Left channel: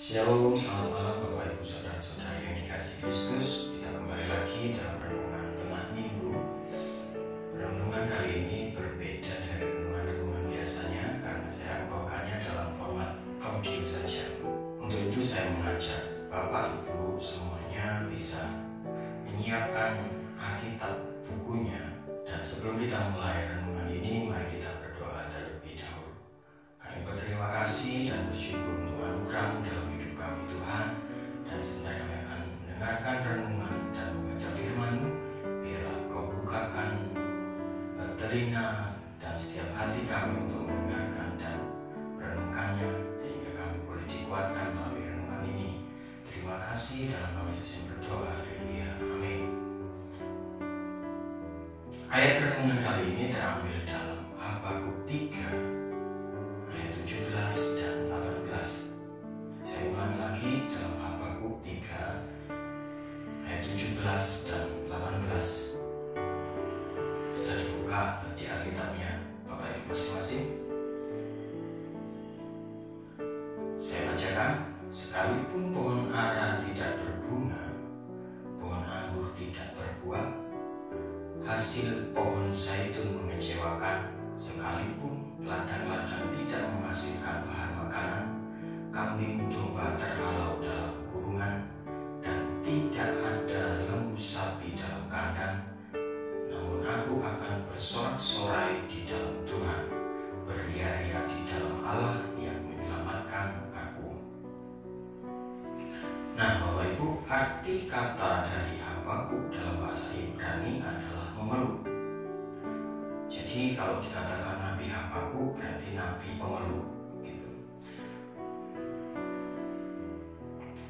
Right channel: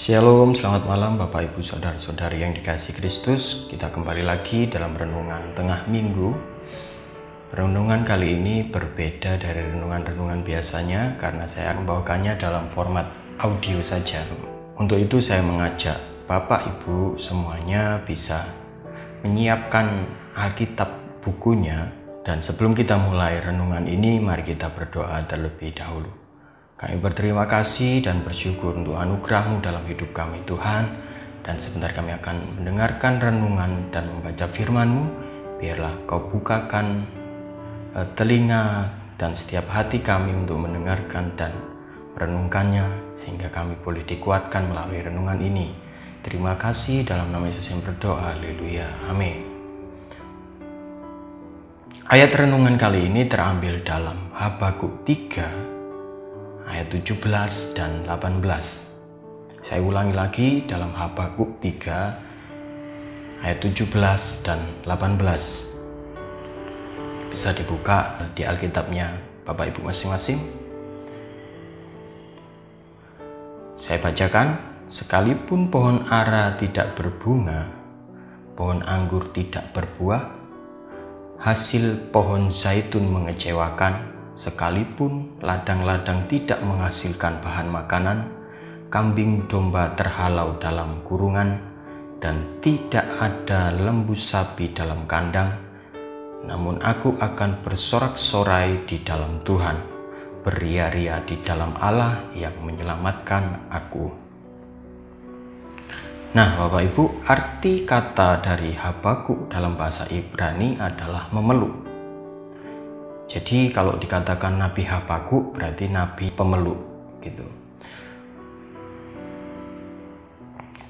Shalom, selamat malam Bapak Ibu Saudara-saudari yang dikasihi Kristus. Kita kembali lagi dalam renungan tengah minggu. Renungan kali ini berbeda dari renungan-renungan biasanya karena saya akan membawakannya dalam format audio saja. Untuk itu saya mengajak Bapak Ibu semuanya bisa menyiapkan Alkitab bukunya. Dan sebelum kita mulai renungan ini, mari kita berdoa terlebih dahulu. Kami berterima kasih dan bersyukur untuk anugerah-Mu dalam hidup kami Tuhan. Dan sebentar kami akan mendengarkan renungan dan membaca firman-Mu. Biarlah Kau bukakan telinga dan setiap hati kami untuk mendengarkan dan merenungkannya, sehingga kami boleh dikuatkan melalui renungan ini. Terima kasih dalam nama Yesus yang berdoa. Haleluya. Amin. Ayat renungan kali ini terambil dalam Habakuk 3 ayat 17 dan 18. Saya ulangi lagi dalam Habakuk 3 ayat 17 dan 18. Bisa dibuka di Alkitabnya Bapak Ibu masing-masing. Saya bacakan, sekalipun pohon ara tidak berbunga, pohon anggur tidak berbuah, hasil pohon zaitun mengecewakan, sekalipun ladang-ladang tidak menghasilkan bahan makanan, kambing domba terhalau dalam kurungan, dan tidak ada lembu sapi dalam kandang, namun aku akan bersorak-sorai di dalam Tuhan, beria-ria di dalam Allah yang menyelamatkan aku. Nah, Bapak Ibu, arti kata dari Habakuk dalam bahasa Ibrani adalah memeluk. Jadi kalau dikatakan Nabi Habakuk berarti Nabi pemeluk gitu.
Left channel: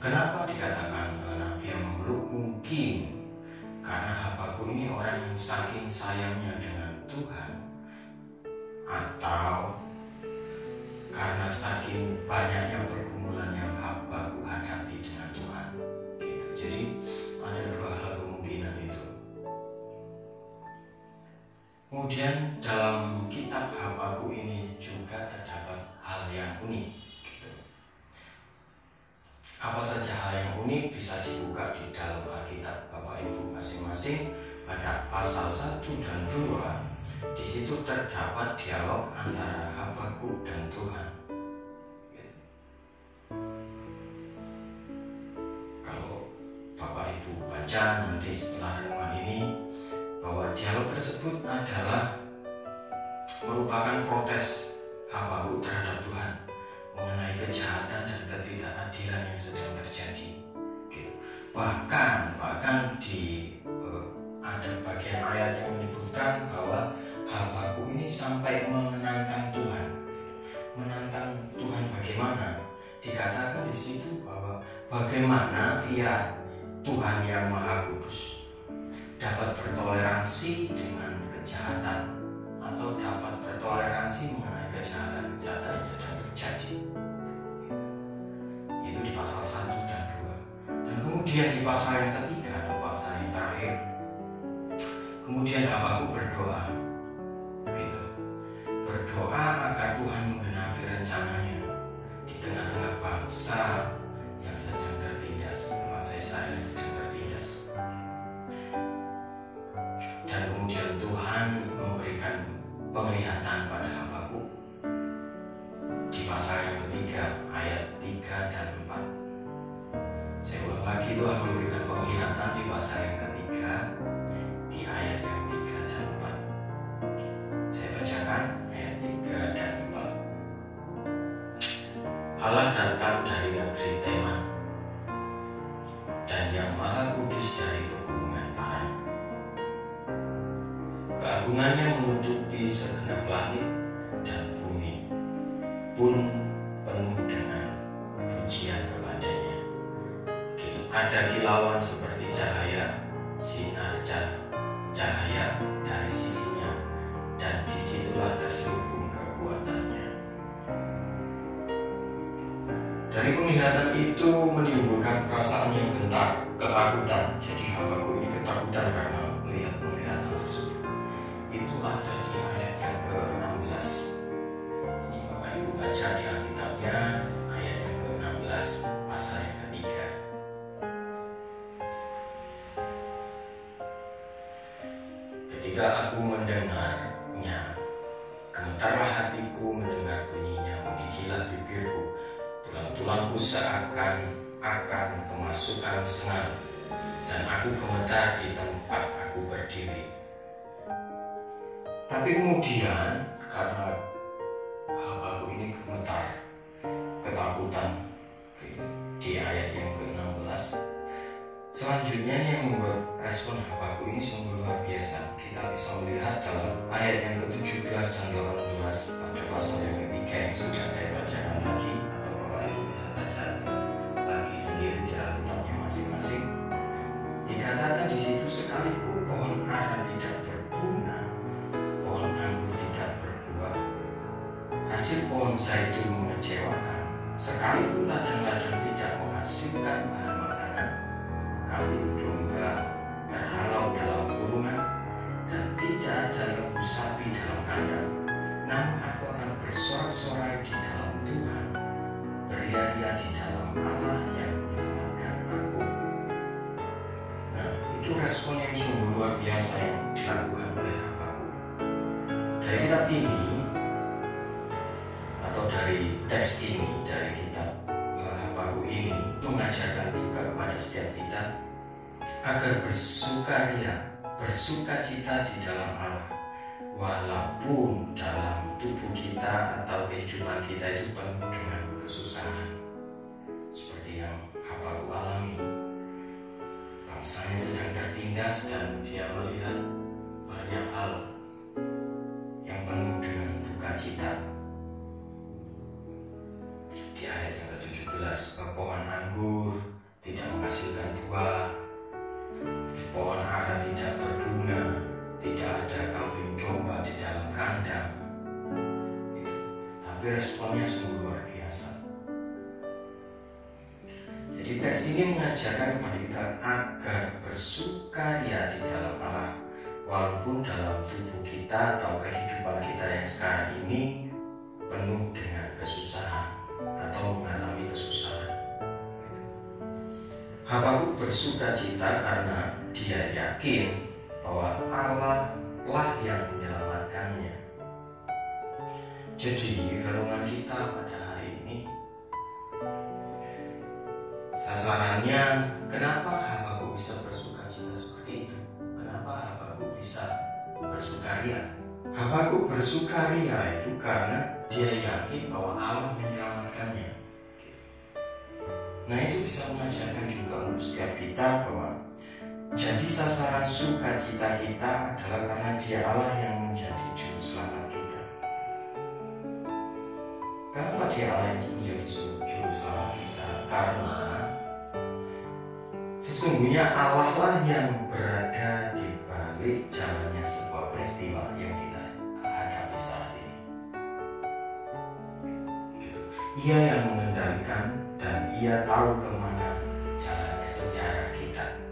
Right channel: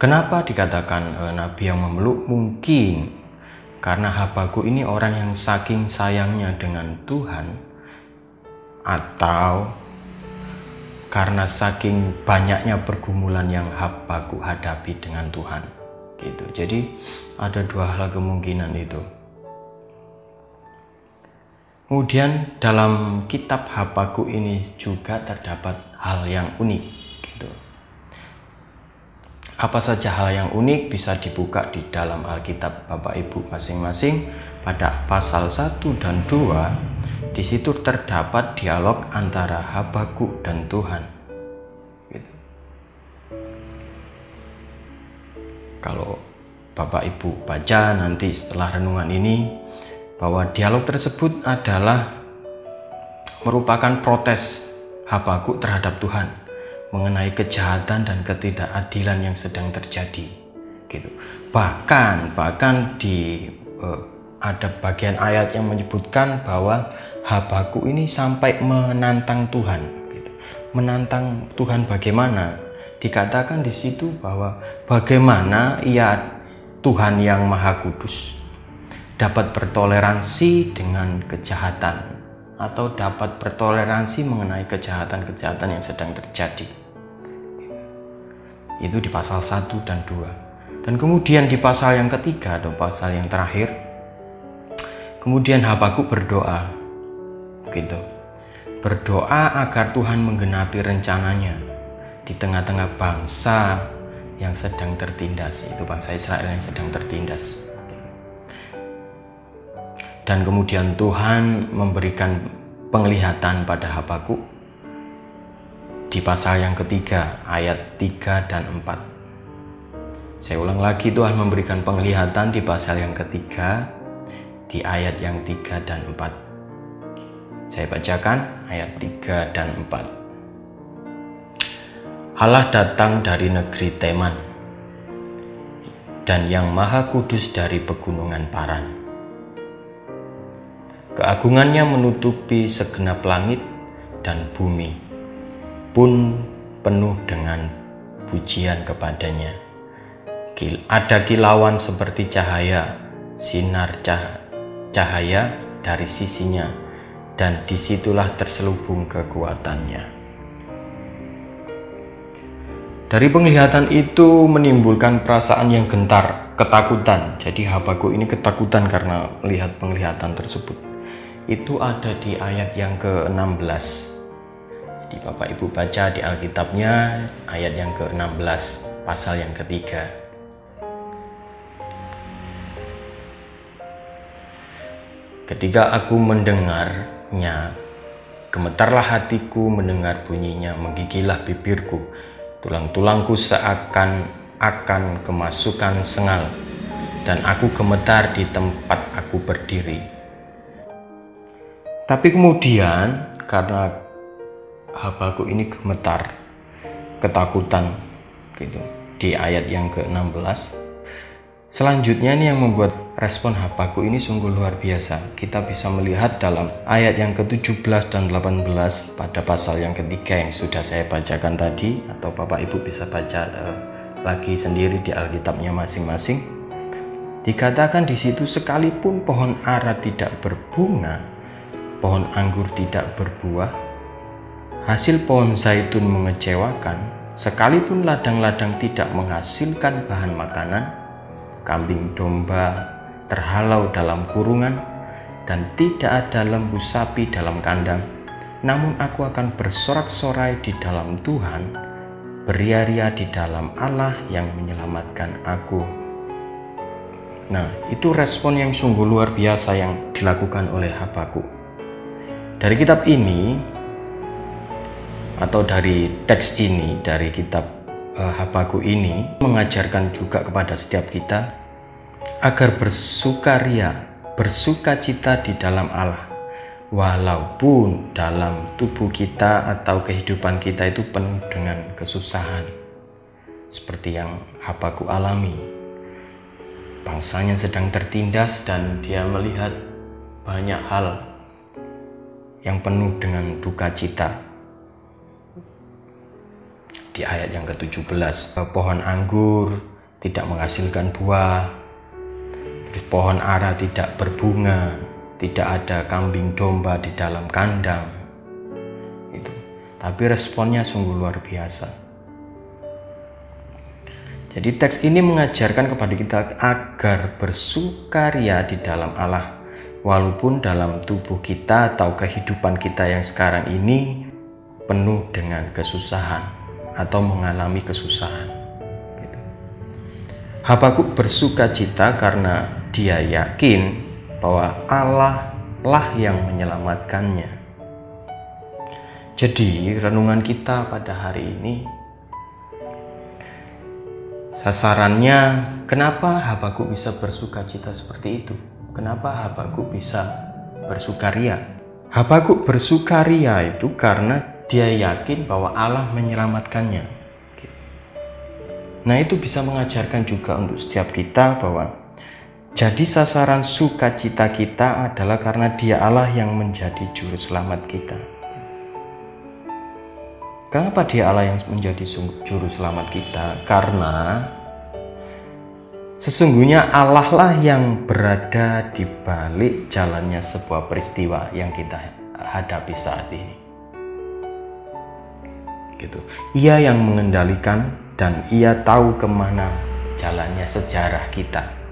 Kenapa dikatakan Nabi yang memeluk? Mungkin karena Habakuk ini orang yang saking sayangnya dengan Tuhan, atau karena saking banyaknya pergumulan yang Habakuk hadapi dengan Tuhan gitu. Jadi ada dua hal kemungkinan itu. Kemudian dalam kitab Habakuk ini juga terdapat hal yang unik gitu. Apa saja hal yang unik bisa dibuka di dalam Alkitab Bapak Ibu masing-masing. Pada pasal 1 dan 2 di situ terdapat dialog antara Habakuk dan Tuhan gitu. Kalau Bapak Ibu baca nanti setelah renungan ini, bahwa dialog tersebut adalah merupakan protes Habakuk terhadap Tuhan mengenai kejahatan dan ketidakadilan yang sedang terjadi gitu. Bahkan ada bagian ayat yang menyebutkan bahwa Habakuk ini sampai menantang Tuhan gitu. Menantang Tuhan bagaimana? Dikatakan di situ bahwa bagaimana Tuhan yang Maha Kudus dapat bertoleransi dengan kejahatan, atau dapat bertoleransi mengenai kejahatan-kejahatan yang sedang terjadi. Itu di pasal 1 dan 2. Dan kemudian di pasal yang ketiga atau pasal yang terakhir, kemudian Habakuk berdoa gitu. Berdoa agar Tuhan menggenapi rencananya di tengah-tengah bangsa yang sedang tertindas, itu bangsa Israel yang sedang tertindas. Dan kemudian Tuhan memberikan penglihatan pada Habakuk di pasal yang ketiga ayat 3 dan 4. Saya ulang lagi, Tuhan memberikan penglihatan di pasal yang ketiga di ayat yang 3 dan 4. Saya bacakan ayat 3 dan 4. Allah datang dari negeri Teman, dan yang Maha Kudus dari pegunungan Paran. Keagungannya menutupi segenap langit, dan bumi pun penuh dengan pujian kepadanya. Ada kilauan seperti cahaya, sinar cahaya dari sisinya, dan disitulah terselubung kekuatannya. Dari penglihatan itu menimbulkan perasaan yang gentar, ketakutan. Jadi Habakuk ini ketakutan karena melihat penglihatan tersebut. Itu ada di ayat yang ke-16. Di Bapak Ibu baca di Alkitabnya ayat yang ke-16, pasal yang ketiga. Ketika aku mendengarnya, gemetarlah hatiku mendengar bunyinya, menggigillah bibirku, tulang-tulangku seakan akan kemasukan sengal, dan aku gemetar di tempat aku berdiri. Tapi kemudian karena Habakuk ini gemetar, ketakutan gitu, di ayat yang ke-16, selanjutnya ini yang membuat respon Habakuk ini sungguh luar biasa. Kita bisa melihat dalam ayat yang ke-17 dan 18 pada pasal yang ketiga yang sudah saya bacakan tadi, atau Bapak Ibu bisa baca lagi sendiri di Alkitabnya masing-masing. Dikatakan di situ, sekalipun pohon ara tidak berbunga, pohon anggur tidak berbuah, hasil pohon zaitun mengecewakan, sekalipun ladang-ladang tidak menghasilkan bahan makanan, kambing domba terhalau dalam kurungan, dan tidak ada lembu sapi dalam kandang, namun aku akan bersorak-sorai di dalam Tuhan, beria-ria di dalam Allah yang menyelamatkan aku. Nah, itu respon yang sungguh luar biasa yang dilakukan oleh Habakuk. Dari kitab ini, atau dari teks ini, dari kitab Habakuk ini, mengajarkan juga kepada setiap kita agar bersukacita di dalam Allah, walaupun dalam tubuh kita atau kehidupan kita itu penuh dengan kesusahan, seperti yang Habakuk alami. Bangsanya sedang tertindas dan dia melihat banyak hal yang penuh dengan duka cita. Di ayat yang ke-17, pohon anggur tidak menghasilkan buah, pohon ara tidak berbunga, tidak ada kambing domba di dalam kandang. Itu. Tapi responnya sungguh luar biasa. Jadi teks ini mengajarkan kepada kita agar bersukaria di dalam Allah, walaupun dalam tubuh kita atau kehidupan kita yang sekarang ini penuh dengan kesusahan atau mengalami kesusahan. Habakuk bersukacita karena dia yakin bahwa Allah lah yang menyelamatkannya. Jadi renungan kita pada hari ini, sasarannya kenapa Habakuk bisa bersukacita seperti itu? Kenapa Habakuk bisa bersukaria? Habakuk bersukaria itu karena dia yakin bahwa Allah menyelamatkannya. Nah, itu bisa mengajarkan juga untuk setiap kita bahwa jadi sasaran sukacita kita adalah karena Dia Allah yang menjadi juru selamat kita. Kenapa Dia Allah yang menjadi juru selamat kita? Karena sesungguhnya Allah lah yang berada di balik jalannya sebuah peristiwa yang kita hadapi saat ini. Gitu. Ia yang mengendalikan dan Ia tahu kemana jalannya sejarah kita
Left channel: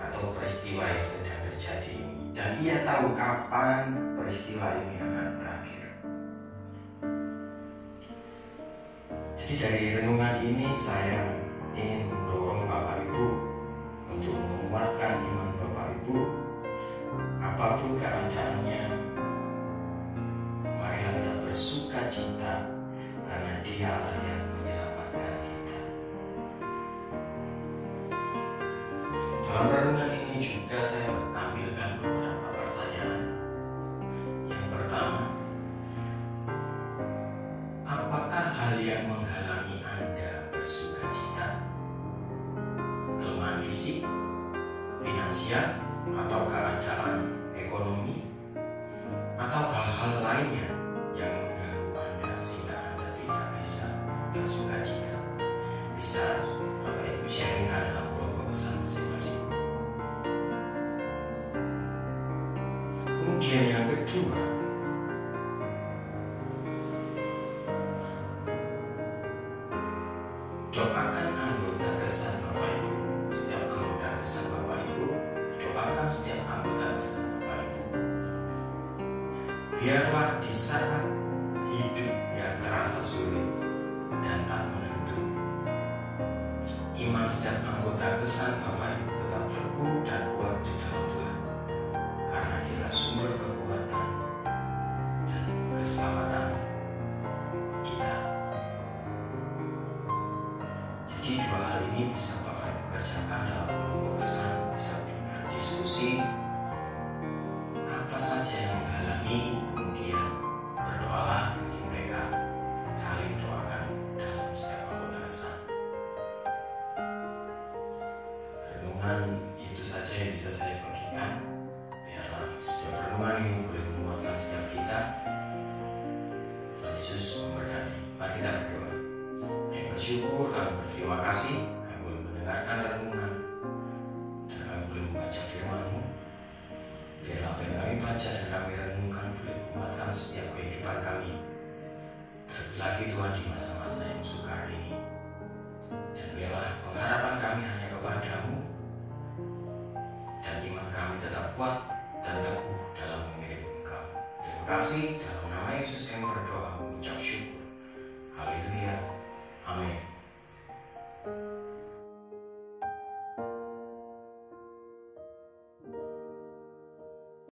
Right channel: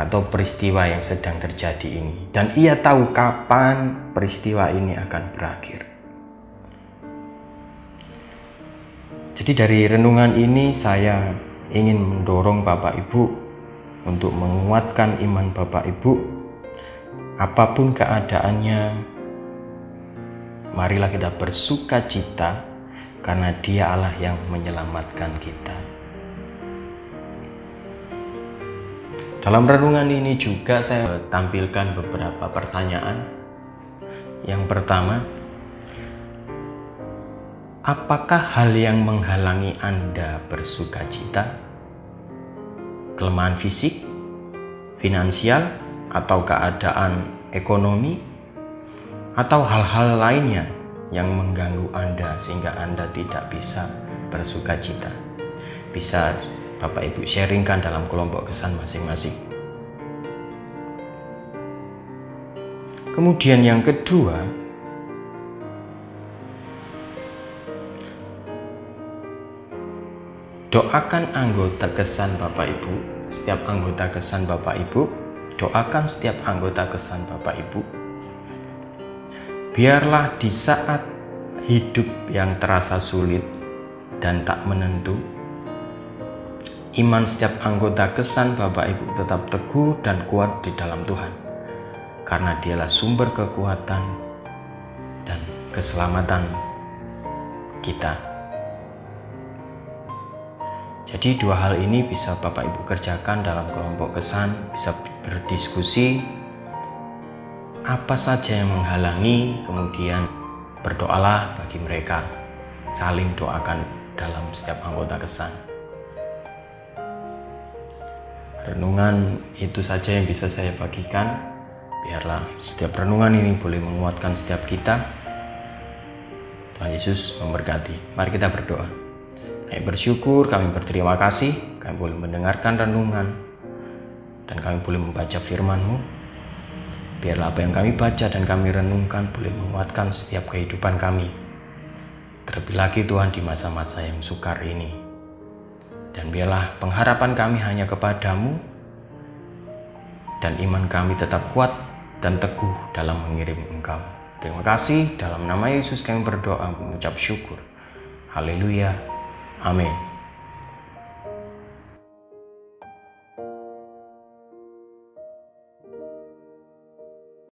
atau peristiwa yang sedang terjadi ini, dan Ia tahu kapan peristiwa ini akan berakhir. Jadi dari renungan ini saya ingin mendorong Bapak Ibu untuk menguatkan iman Bapak Ibu. Apapun keadaannya, marilah kita bersukacita karena Dia Allah yang menyelamatkan kita. Dalam renungan ini juga saya tampilkan beberapa pertanyaan. Yang pertama, apakah hal yang menghalangi Anda bersukacita? Kelemahan fisik, finansial, atau keadaan ekonomi, atau hal-hal lainnya yang mengganggu Anda sehingga Anda tidak bisa bersukacita? Bisa Bapak Ibu sharingkan dalam kelompok kesan masing-masing. Kemudian yang kedua, doakan anggota kesan Bapak Ibu. Setiap anggota kesan Bapak Ibu, doakan setiap anggota kesan Bapak Ibu. Biarlah di saat hidup yang terasa sulit dan tak menentu, iman setiap anggota Kesan Bapak Ibu tetap teguh dan kuat di dalam Tuhan, karena Dialah sumber kekuatan dan keselamatan kita. Jadi dua hal ini bisa Bapak Ibu kerjakan dalam kelompok Kesan, bisa berdiskusi apa saja yang menghalangi, kemudian berdoalah bagi mereka, saling doakan dalam setiap anggota Kesan. Renungan itu saja yang bisa saya bagikan. Biarlah setiap renungan ini boleh menguatkan setiap kita. Tuhan Yesus memberkati. Mari kita berdoa. Kami bersyukur, kami berterima kasih, kami boleh mendengarkan renungan, dan kami boleh membaca firman-Mu. Biarlah apa yang kami baca dan kami renungkan boleh menguatkan setiap kehidupan kami. Terlebih lagi Tuhan di masa-masa yang sukar ini. Dan biarlah pengharapan kami hanya kepadamu, dan iman kami tetap kuat dan teguh dalam mengirim Engkau. Terima kasih, dalam nama Yesus kami berdoa mengucap syukur. Haleluya. Amin.